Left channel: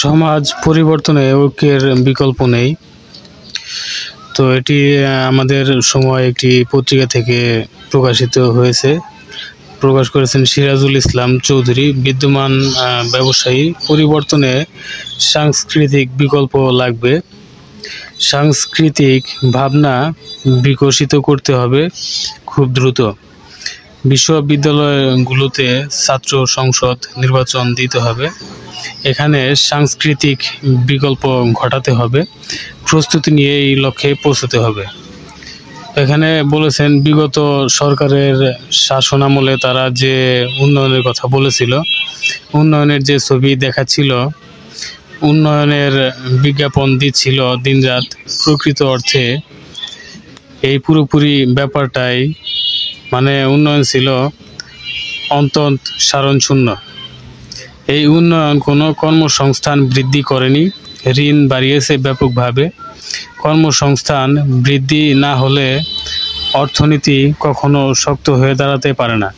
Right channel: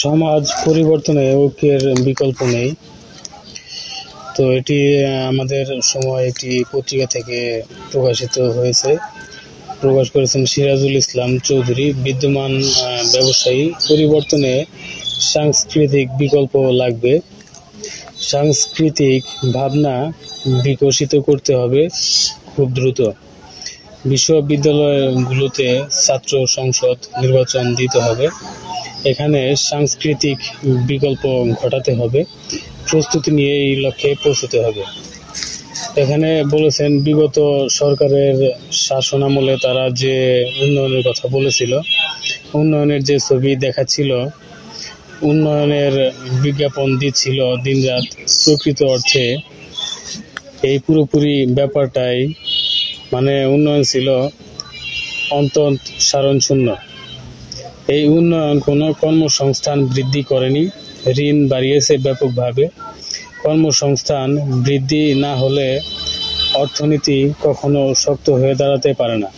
সমাজ পরিবর্তনে ঐক্যের বিকল্প নেই। তো এটি আমাদের সময় একটি পত্রিকা থেকে প্রকাশিত হয়েছে। প্রকাশ করেছেন সিরাজুল ইসলাম চৌধুরী। বিদ্যমান ব্যবসায়ী পরিবর্তনে সাংস্কৃতিক বিকল্প লাগবে। সাংস্কৃতিক ভাবনা বিকশিত করতে হবে খুব দ্রুত। বিশ্ববিদ্যালয়গুলোতে ছাত্র সংসদ নির্বাচন দিতে হবে। এখানে সাংস্কৃতিক বিকল্প ঘটাতে হবে। প্রস্তুতি নিয়ে এই লক্ষ্যে পৌঁছতে হবে। এখানে বলেছেন বিগত সরকারের শাসনামলে তারা যে উন্নয়নের কথা বলেছিল, উন্নয়নের যে ছবি দেখাচ্ছিল, উন্নয়নের বিজ্ঞাপন দিচ্ছিল দিনরাত, প্রকৃত অর্থে এই পুরোপুরি ব্যাপারটাই উন্নয়ন ছিল অন্তঃসারশূন্য। এই উন্নয়ন কোনো কর্মসংস্থান বৃদ্ধি করেনি, ঋণ বাড়িয়েছে ব্যাপকভাবে। কর্মসংস্থান বৃদ্ধি না হলে অর্থনীতি কখনো শক্ত হয়ে দাঁড়াতে পারে না।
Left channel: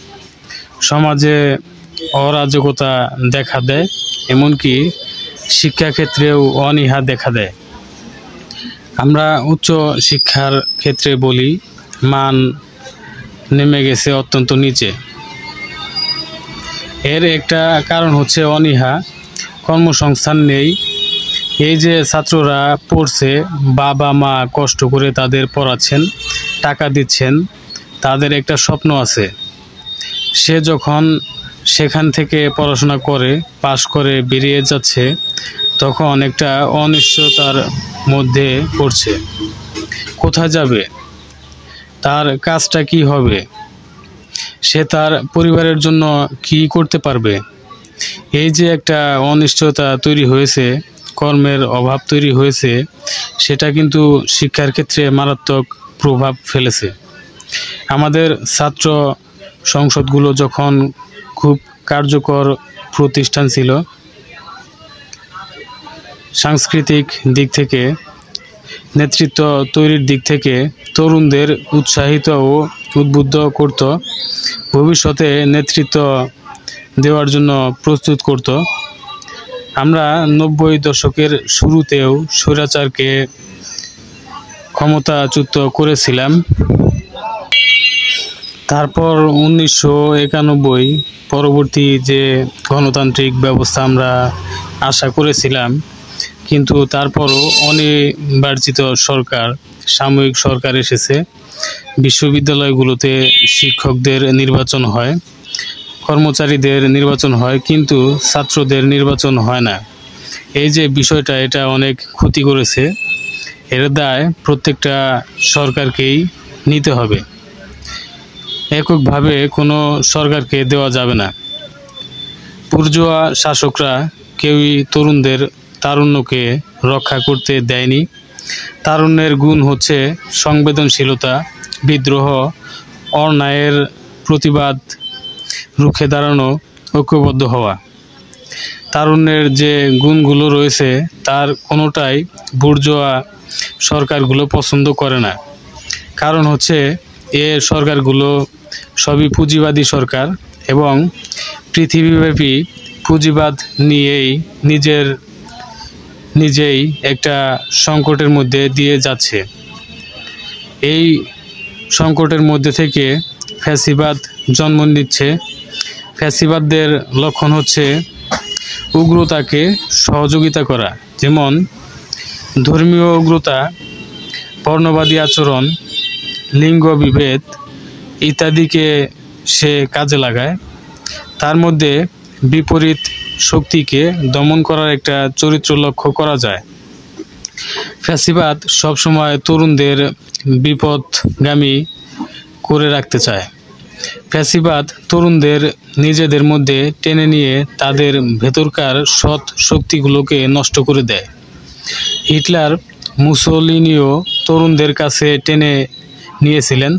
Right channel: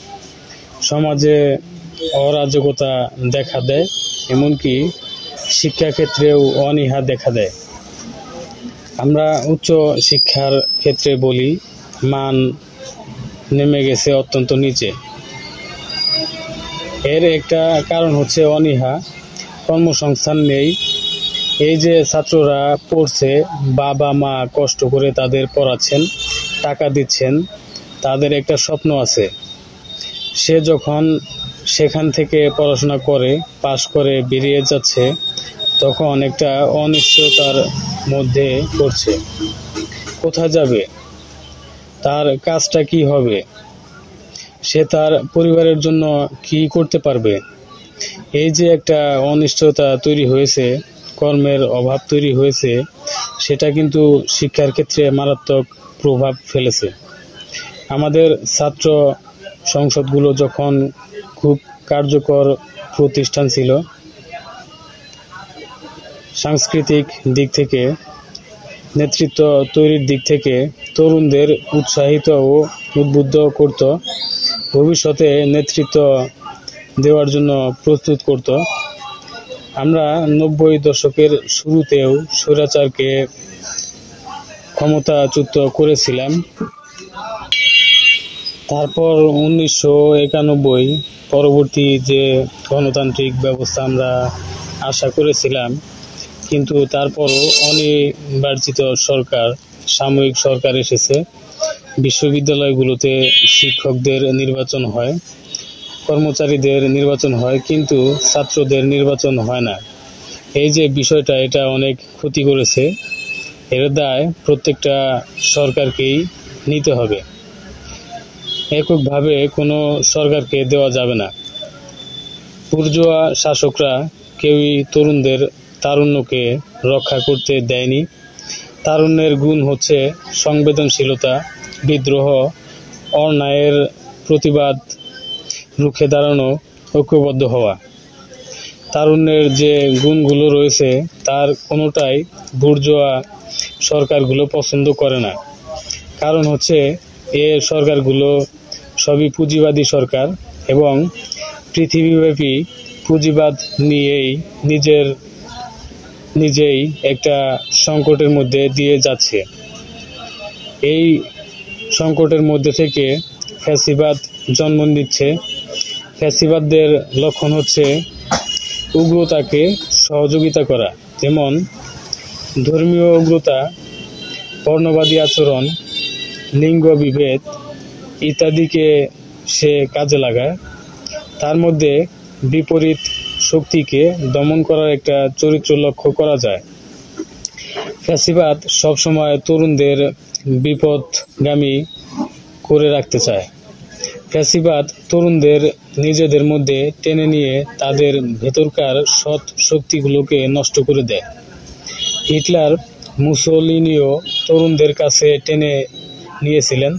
সমাজে অরাজকতা দেখা দেয়, এমনকি শিক্ষাক্ষেত্রেও অনীহা দেখা দেয়। আমরা উচ্চ শিক্ষার ক্ষেত্রে বলি, মান নেমে গেছে অত্যন্ত নিচে। এর একটা কারণ হচ্ছে অনীহা, কর্মসংস্থান নেই। এই যে ছাত্ররা পড়ছে, বাবা মা কষ্ট করে তাদের পড়াচ্ছেন, টাকা দিচ্ছেন, তাদের একটা স্বপ্ন আছে। সে যখন সেখান থেকে পড়াশোনা করে পাশ করে বেরিয়ে যাচ্ছে, তখন একটা অনিশ্চয়তার মধ্যে পড়ছে। কোথায় যাবে? তার কাজটা কি হবে? সে তার পরিবারের জন্য কি করতে পারবে? এই যে একটা অনিশ্চয়তা তৈরি হয়েছে, কর্মের অভাব তৈরি হয়েছে, সেটা কিন্তু শিক্ষার ক্ষেত্রে মারাত্মক প্রভাব ফেলেছে। আমাদের ছাত্র সংসদগুলো যখন খুব কার্যকর প্রতিষ্ঠান ছিল, সাংস্কৃতিক দিক থেকে, নেতৃত্ব তৈরির দিক থেকে তরুণদের উৎসাহিত ও উদ্বুদ্ধ করত, ভবিষ্যতে নেতৃত্ব দেওয়ার জন্য প্রস্তুত করত। আমরা 90 দশকের শুরুতেও স্বৈরাচারকে ক্ষমতাচ্যুত করেছিলাম। তারপর 1991 পরবর্তী যে গণতান্ত্রিক ব্যবস্থা আমরা আশা করেছিলাম, কিন্তু তারপরও অনির্বাচিত সরকার, সাময়িক সরকার এসেছে। বিশ্ববিদ্যালয়গুলোতে শিক্ষকদের নির্বাচন হয়, কর্মচারীদের নির্বাচন হয়, কিন্তু ছাত্রদের নির্বাচন হয় না। এই যে বিষয়টা, এটা অনেক ক্ষতি করেছে। এর দায় প্রত্যেকটা সরকারকেই নিতে হবে। এককভাবে কোনো সরকারকে দেওয়া যাবে না। বুর্জোয়া শাসকরা কেউই তরুণদের তারুণ্যকে রক্ষা করতে দেয়নি। তারুণ্যের গুণ হচ্ছে সংবেদনশীলতা, বিদ্রোহ, অন্যায়ের প্রতিবাদ রুখে দাঁড়ানো, ঐক্যবদ্ধ হওয়া। তারুণ্যের যে গুণগুলো রয়েছে, তার কোনোটাই বুর্জোয়া সরকারগুলো পছন্দ করে না। কারণ হচ্ছে এ সরকারগুলো সবই পুঁজিবাদী সরকার এবং পৃথিবীব্যাপী পুঁজিবাদ নিয়েই নিজেই একটা সংকটের মধ্যে দিয়ে যাচ্ছে। এই সংকটের মধ্যে থেকে ফ্যাসিবাদ জন্ম নিচ্ছে। ফ্যাসিবাদদের লক্ষণ হচ্ছে উগ্রতাকে সহযোগিতা করা, যেমন ধর্মীয় উগ্রতা, বর্ণবাদী আচরণ, লিঙ্গ বিভেদ ইত্যাদিকে সে কাজে লাগায়। তার মধ্যে বিপরীত শক্তিকে দমন করার একটা চরিত্র লক্ষ্য করা যায়। ফ্যাসিবাদ সবসময় তরুণদের বিপথগামী করে রাখতে চায়। ফ্যাসিবাদ তরুণদের নিজেদের মধ্যে টেনে নিয়ে তাদের ভেতরকার সৎ শক্তিগুলোকে নষ্ট করে দেয়। হিটলার, মুসোলিনিও তরুণদের কাছে টেনে নিয়েছিলেন।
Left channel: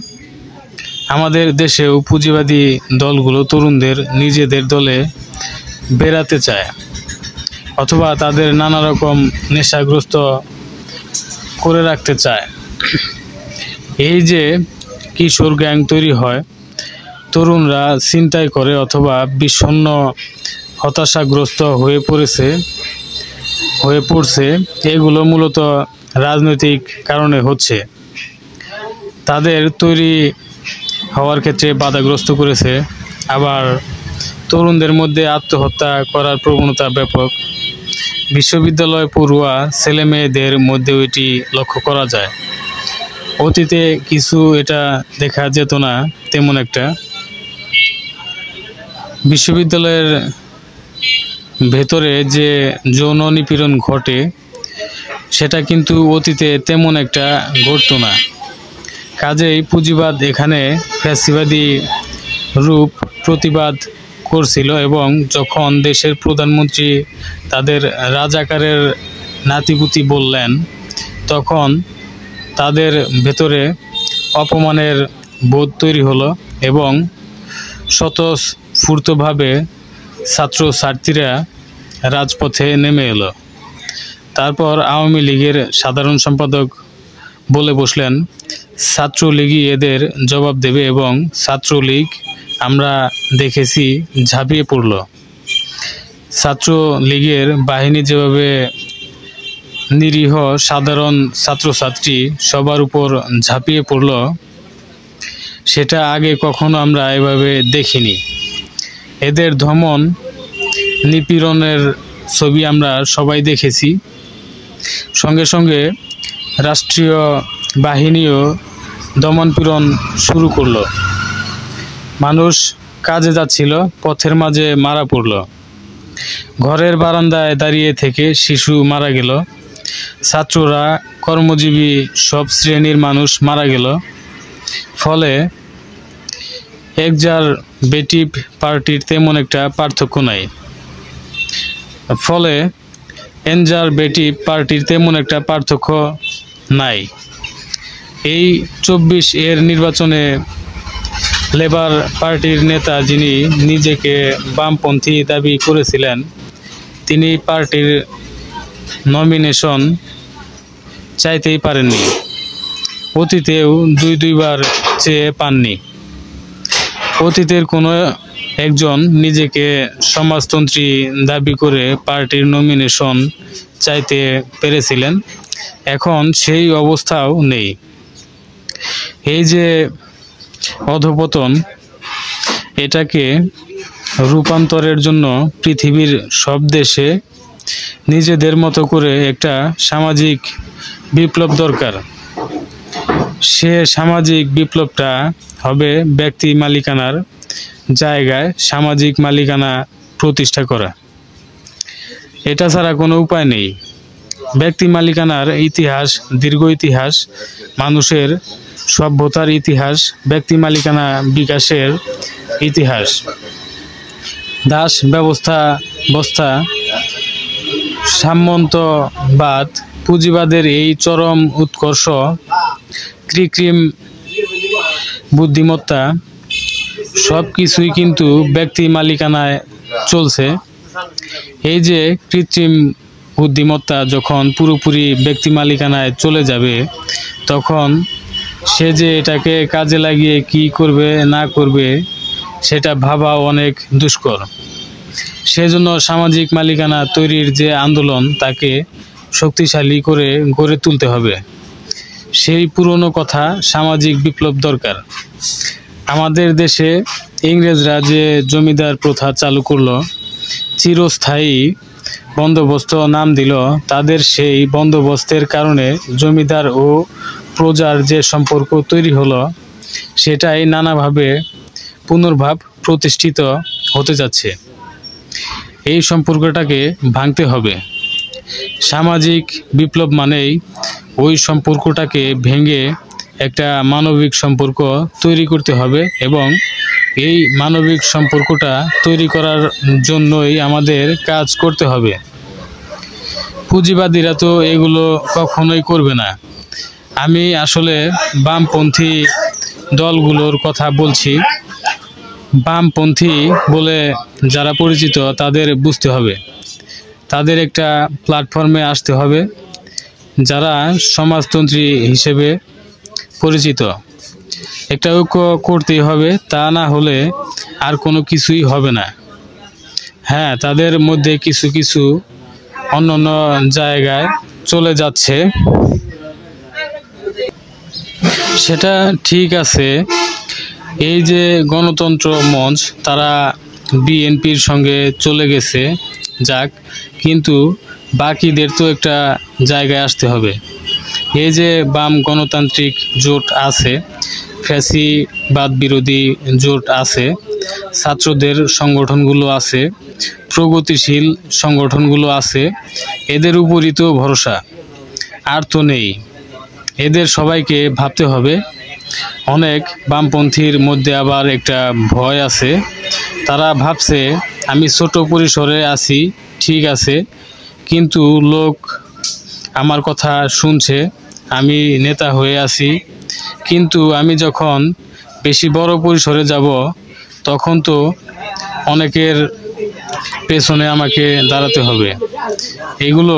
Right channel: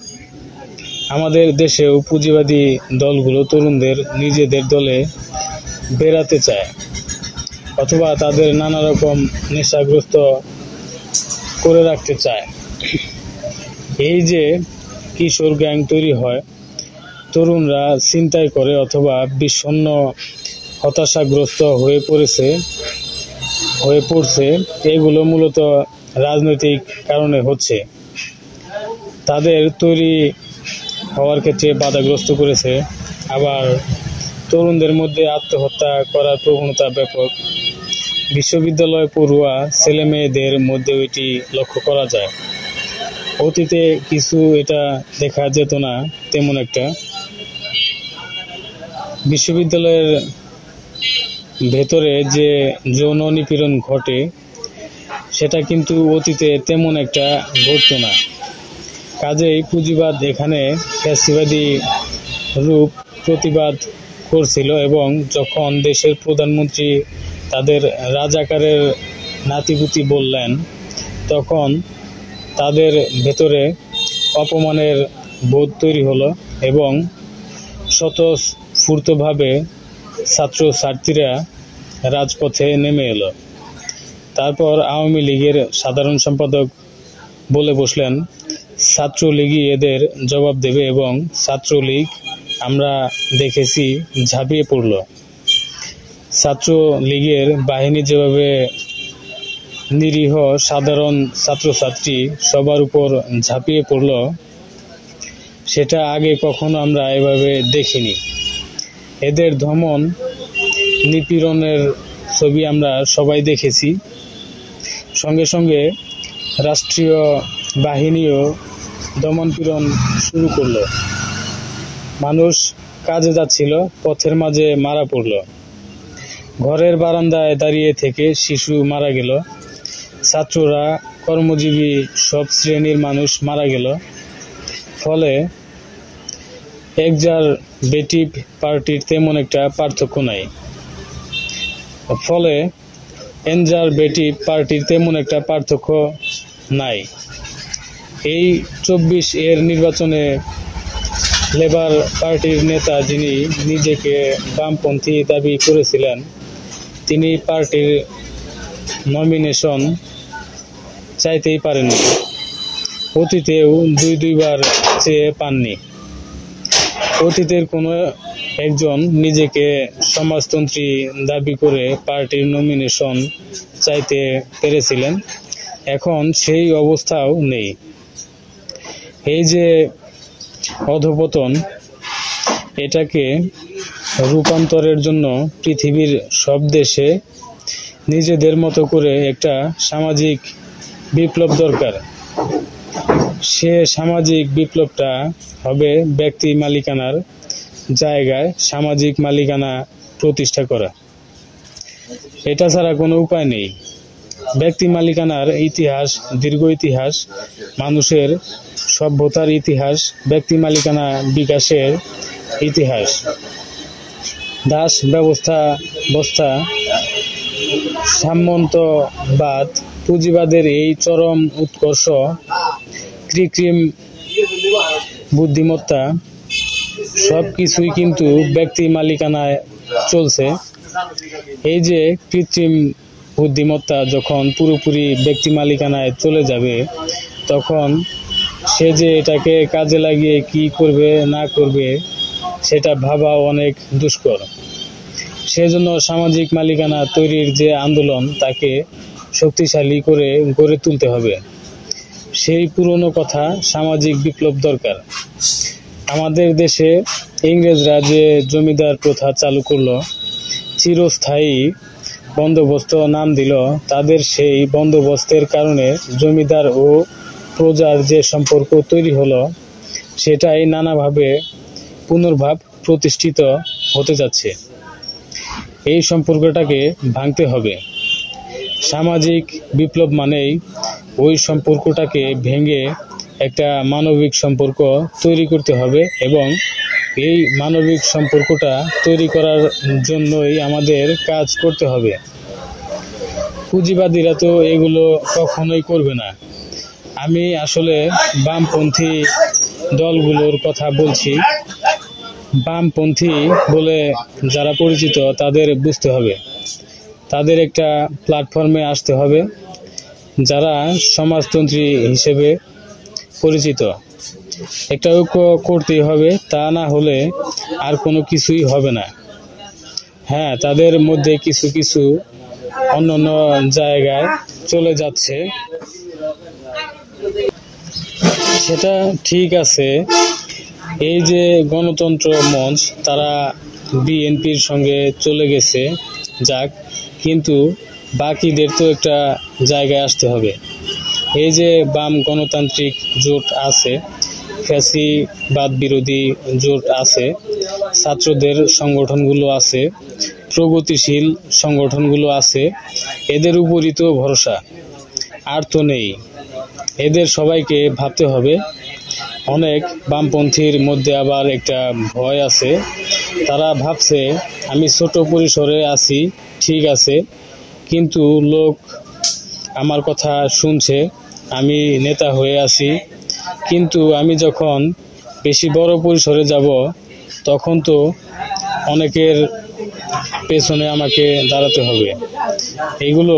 আমাদের দেশেও পুঁজিবাদী দলগুলো তরুণদের নিজেদের দলে বেরাতে চায়, অথবা তাদের নানা রকম নেশাগ্রস্ত করে রাখতে চায়। এই যে কিশোর গ্যাং তৈরি হয়, তরুণরা ছিনতাই করে অথবা বিষণ্ণ হতাশাগ্রস্ত হয়ে পড়েছে, হয়ে পড়ছে, এগুলো মূলত রাজনৈতিক কারণে হচ্ছে। তাদের তৈরি হওয়ার ক্ষেত্রে বাধাগ্রস্ত করেছে। আবার তরুণদের মধ্যে আত্মহত্যা করার প্রবণতা ব্যাপক। বিশ্ববিদ্যালয় পড়ুয়া ছেলে মেয়েদের মধ্যেও এটি লক্ষ্য করা যায়। অতীতে কিছু এটা দেখা যেত না তেমন একটা। বিশ্ববিদ্যালয়ের ভেতরে যে যৌন নিপীড়ন ঘটে সেটা কিন্তু অতীতে তেমন একটা ঘটতো না। কাজেই পুঁজিবাদ এখানে ফ্যাসিবাদী রূপ প্রতিবাদ করছিল, এবং যখন দেশের প্রধানমন্ত্রী তাদের রাজাকারের নাতিপুতি বললেন, তখন তাদের ভেতরে অপমানের বোধ তৈরি হলো এবং স্বতঃস্ফূর্তভাবে ছাত্রছাত্রীরা রাজপথে নেমে এলো। তারপর আওয়ামী লীগের সাধারণ সম্পাদক বলে বসলেন, ছাত্রলীগই এদের জবাব দেবে, এবং ছাত্রলীগ আমরা দেখেছি ঝাঁপিয়ে পড়ল। ছাত্রলীগের বাহিনী যেভাবে নিরীহ সাধারণ ছাত্রছাত্রী সবার উপর ঝাঁপিয়ে পড়ল, সেটা আগে কখনো আমরা এভাবে দেখিনি। এদের দমন নিপীড়নের ছবি আমরা সবাই দেখেছি। সঙ্গে সঙ্গে রাষ্ট্রীয় বাহিনীও দমনপীড়ন শুরু করলো। মানুষ কাজে যাচ্ছিল, পথের মাঝে মারা পড়ল। ঘরের বারান্দায় দাঁড়িয়ে থেকে শিশু মারা গেল। ছাত্ররা, কর্মজীবী সব শ্রেণীর মানুষ মারা গেল। ফলে এক্সারবেটিভ পার্টির তেমন একটা পার্থক্য নাই। এই 24 এর নির্বাচনে লেবার পার্টির নেতা, যিনি নিজেকে বামপন্থী দাবি করেছিলেন, তিনি পার্টির নমিনেশন চাইতেই পারেননি। অতীতেও দুইবার চেয়ে পাননি। অতীতের কোনো একজন নিজেকে সমাজতন্ত্রী দাবি করে পার্টির নমিনেশন চাইতে পেরেছিলেন, এখন সেই অবস্থাও নেই। এই যে অধঃপতন, এটাকে রূপান্তরের জন্য পৃথিবীর সব দেশে নিজেদের মতো করে একটা সামাজিক বিপ্লব দরকার। সে সামাজিক বিপ্লবটা হবে ব্যক্তি মালিকানার জায়গায় সামাজিক মালিকানা প্রতিষ্ঠা করা। এটা ছাড়া কোনো উপায় নেই। ব্যক্তি মালিকানার ইতিহাস দীর্ঘ ইতিহাস, মানুষের সভ্যতার ইতিহাস, ব্যক্তি মালিকানা বিকাশের ইতিহাস। দাস ব্যবস্থা, সামন্তবাদ, পুঁজিবাদের এই চরম উৎকর্ষ, কৃত্রিম বুদ্ধিমত্তা, সব কিছুই কিন্তু ব্যক্তি মালিকানায় চলছে। এই যে কৃত্রিম বুদ্ধিমত্তা যখন পুরোপুরি ব্যক্তি মালিকানায় চলে যাবে, তখন সে যে এটাকে কাজে লাগিয়ে কি করবে না করবে সেটা ভাবা অনেক দুষ্কর। সেজন্য সামাজিক মালিকানা তৈরির যে আন্দোলন, তাকে শক্তিশালী করে গড়ে তুলতে হবে। সেই পুরনো কথা, সামাজিক বিপ্লব দরকার। আমাদের দেশে ইংরেজরা যে জমিদার প্রথা চালু করলো, চিরস্থায়ী বন্দোবস্ত নাম দিল, তাদের সেই বন্দোবস্তের কারণে জমিদার ও প্রজার যে সম্পর্ক তৈরি হলো, সেটাই নানাভাবে পুনর্ভাব প্রতিষ্ঠিত হতে যাচ্ছে। এই সম্পর্কটাকে ভাঙতে হবে। সামাজিক বিপ্লব মানেই ওই সম্পর্কটাকে ভেঙে একটা মানবিক সম্পর্ক তৈরি করতে হবে, এবং এই মানবিক সম্পর্কটা তৈরি করার জন্যই আমাদের কাজ করতে হবে। পুঁজিবাদীরা তো এগুলো কখনোই করবে না। আমি আসলে বামপন্থী দলগুলোর কথা বলছি। বামপন্থী বলে যারা পরিচিত, তাদের বুঝতে হবে, তাদের একটা প্ল্যাটফর্মে আসতে হবে। যারা সমাজতন্ত্রী হিসেবে পরিচিত, একটা ঐক্য করতেই হবে, তা না হলে আর কোনো কিছুই হবে না। হ্যাঁ, তাদের মধ্যে কিছু কিছু অন্য অন্য জায়গায় চলে যাচ্ছে, সেটা ঠিক আছে। এই যে গণতন্ত্র মঞ্চ তারা বিএনপির সঙ্গে চলে গেছে, যাক, কিন্তু বাকিদের তো একটা জায়গায় আসতে হবে। এই যে বাম গণতান্ত্রিক জোট আছে, ফ্যাসিবাদ বিরোধী জোট আছে, ছাত্রদের সংগঠনগুলো আছে, প্রগতিশীল সংগঠনগুলো আছে, এদের উপরই তো ভরসা, আর তো নেই। এদের সবাইকে ভাবতে হবে। অনেক বামপন্থীর মধ্যে আবার একটা ভয় আছে, তারা ভাবছে আমি ছোট পরিসরে আছি, ঠিক আছে, কিন্তু লোক আমার কথা শুনছে, আমি নেতা হয়ে আছি, কিন্তু আমি যখন বেশি বড় পরিসরে যাব তখন তো অনেকের পেছনে আমাকে দাঁড়াতে হবে। এগুলো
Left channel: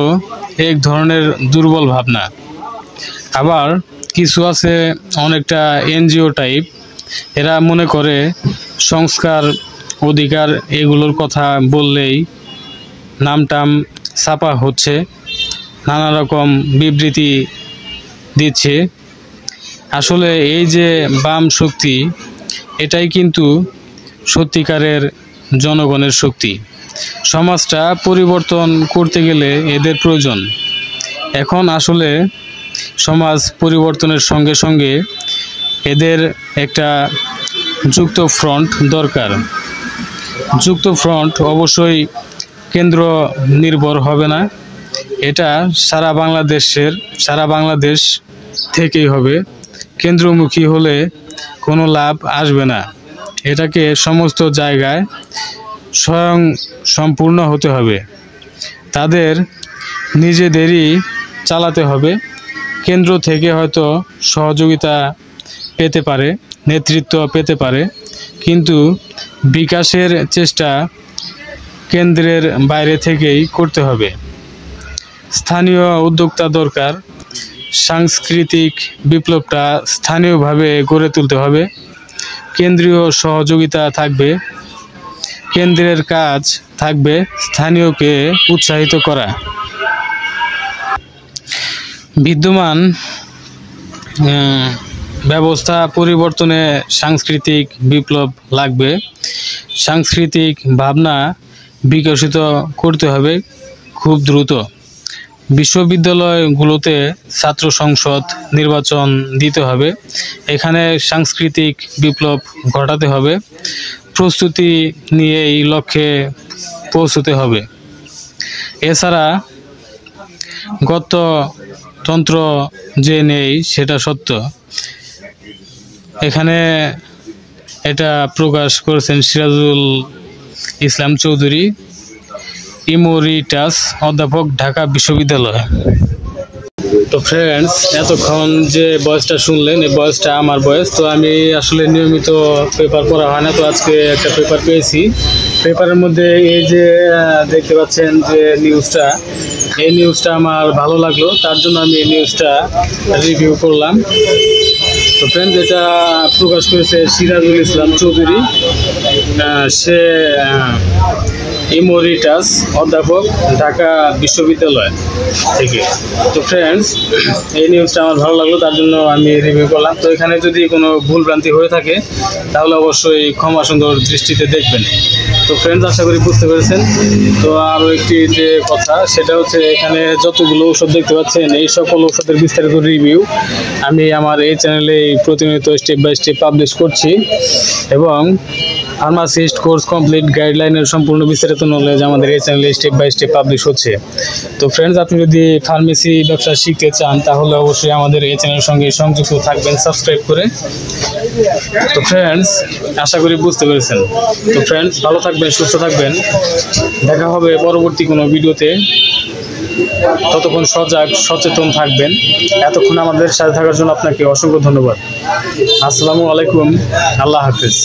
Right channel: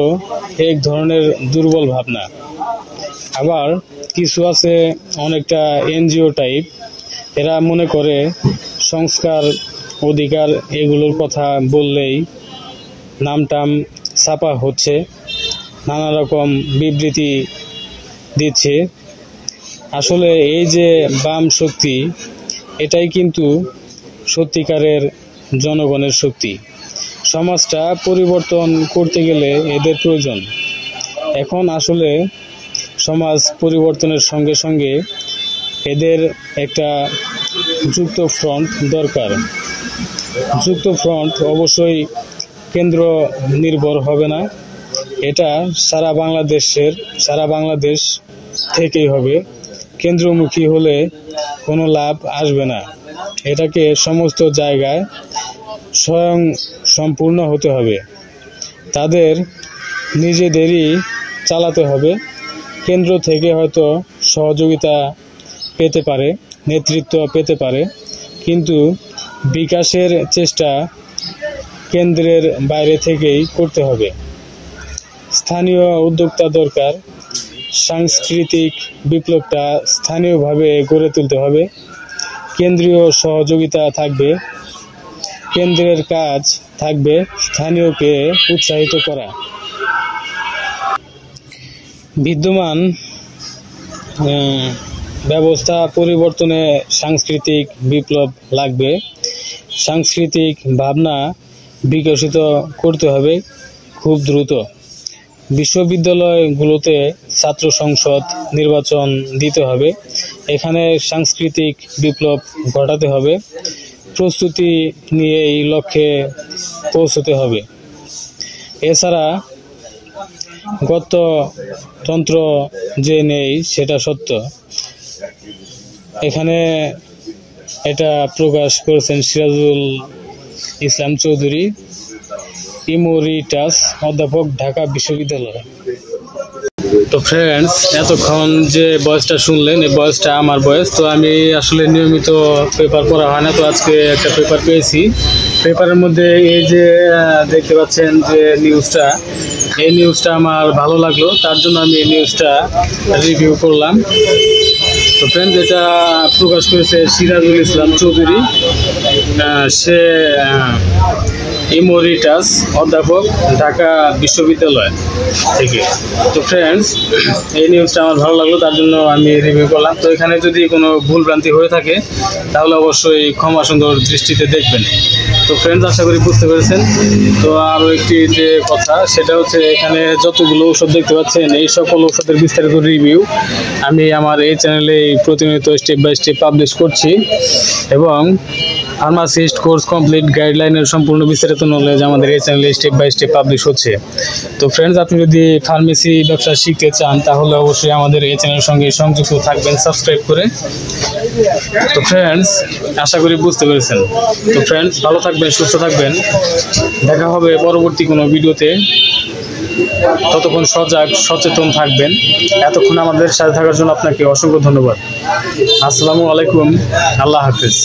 এক ধরনের দুর্বল ভাবনা। আবার কিছু আছে অনেকটা এনজিও টাইপ, এরা মনে করে সংস্কার, অধিকার এগুলোর কথা বললেই নামটাম ছাপা হচ্ছে, নানা রকম বিবৃতি দিচ্ছে। আসলে এই যে বাম শক্তি, এটাই কিন্তু সত্যিকারের জনগণের শক্তি। সমাজটা পরিবর্তন করতে গেলে এদের প্রয়োজন। এখন আসলে সমাজ পরিবর্তনের সঙ্গে সঙ্গে এদের একটা যুক্ত ফ্রন্ট দরকার। যুক্ত ফ্রন্ট অবশ্যই কেন্দ্র নির্ভর হবে না, এটা সারা বাংলাদেশ থেকেই হবে। কেন্দ্রমুখী হলে কোনো লাভ আসবে না, এটাকে সমস্ত জায়গায় স্বয়ং সম্পূর্ণ হতে হবে, তাদের নিজেদেরই চালাতে হবে। কেন্দ্র থেকে হয়তো সহযোগিতা পেতে পারে, নেতৃত্ব পেতে পারে, কিন্তু বিকাশের চেষ্টা কেন্দ্রের বাইরে থেকেই করতে হবে। স্থানীয় উদ্যোক্তা দরকার, সাংস্কৃতিক বিপ্লবটা স্থানীয়ভাবে গড়ে তুলতে হবে। কেন্দ্রীয় সহযোগিতা থাকবে, কেন্দ্রের কাজ থাকবে স্থানীয়কে উৎসাহিত করা। বিদ্যমান ব্যবস্থা পরিবর্তনে সাংস্কৃতিক বিপ্লব লাগবে। সাংস্কৃতিক ভাবনা বিকশিত করতে হবে খুব দ্রুত। বিশ্ববিদ্যালয়গুলোতে ছাত্র সংসদ নির্বাচন দিতে হবে, এখানে সাংস্কৃতিক বিপ্লব ঘটাতে হবে। প্রস্তুতি নিয়ে এই লক্ষ্যে পৌঁছতে হবে। এছাড়া গণতন্ত্র যে নেই সেটা সত্য, এখানে এটা প্রকাশ করেছেন সিরাজুল ইসলাম চৌধুরী, ইমোরিটাস অধ্যাপক, ঢাকা বিশ্ববিদ্যালয়। তো ফ্রেন্ডস, এতক্ষণ যে ভয়েসটা শুনলেন এই ভয়েসটা আমার ভয়েস। তো আমি আসলে নিয়মিত পেপার পড়া হয় না, তো আজকে একটা পেপার পেয়েছি। পেপারের মধ্যে এই যে দেখতে পাচ্ছেন যে নিউজটা, এই নিউজটা আমার ভালো লাগলো, তার জন্য আমি এই নিউজটা রিভিউ করলাম। তো ফ্রেন্ডস, এটা প্রকাশ করেছে সিরাজুল ইসলাম চৌধুরী, সে ইমোরিটাস অধ্যাপক, ঢাকা বিশ্ববিদ্যালয় থেকে। তো ফ্রেন্ডস, এই নিউজটা আমার ভালো লাগলো, তার জন্য আমি রিভিউ করলাম। তো এখানে যদি কোনো ভুলভ্রান্তি হয়ে থাকে তাহলে অবশ্যই ক্ষমা সুন্দর দৃষ্টিতে দেখবেন। তো ফ্রেন্ডস, আশা করি বুঝতে পেরেছেন। তো আরও একটি যে কথা, সেটা হচ্ছে এখানে যতগুলো ঔষধ দেখতে পাচ্ছেন, এই সকল ঔষধের বিস্তারিত রিভিউ আমি আমার এই চ্যানেলে প্রতিনিয়ত স্টেপ বাই স্টেপ পাবলিশ করছি, এবং ফার্মাসিস্ট কোর্স কমপ্লিট গাইডলাইনের সম্পূর্ণ বিস্তারিত নলেজ আমাদের এই চ্যানেলে স্টেপ বাই স্টেপ পাবলিশ হচ্ছে। তো ফ্রেন্ডস, আপনি যদি ফার্মেসি ব্যবসা শিখতে চান তাহলে অবশ্যই আমাদের এই চ্যানেলের সঙ্গে সংযুক্ত থাকবেন সাবস্ক্রাইব করে। তো ফ্রেন্ডস, আশা করি বুঝতে পেরেছেন। তো ফ্রেন্ডস, ভালো থাকবেন, সুস্থ থাকবেন, দেখা হবে পরবর্তী কোনো ভিডিওতে। ততক্ষণ সজাগ সচেতন থাকবেন। এতক্ষণ আমাদের সাথে থাকার জন্য আপনাকে অসংখ্য ধন্যবাদ। আসসালামু আলাইকুম, আল্লাহ হাফেজ।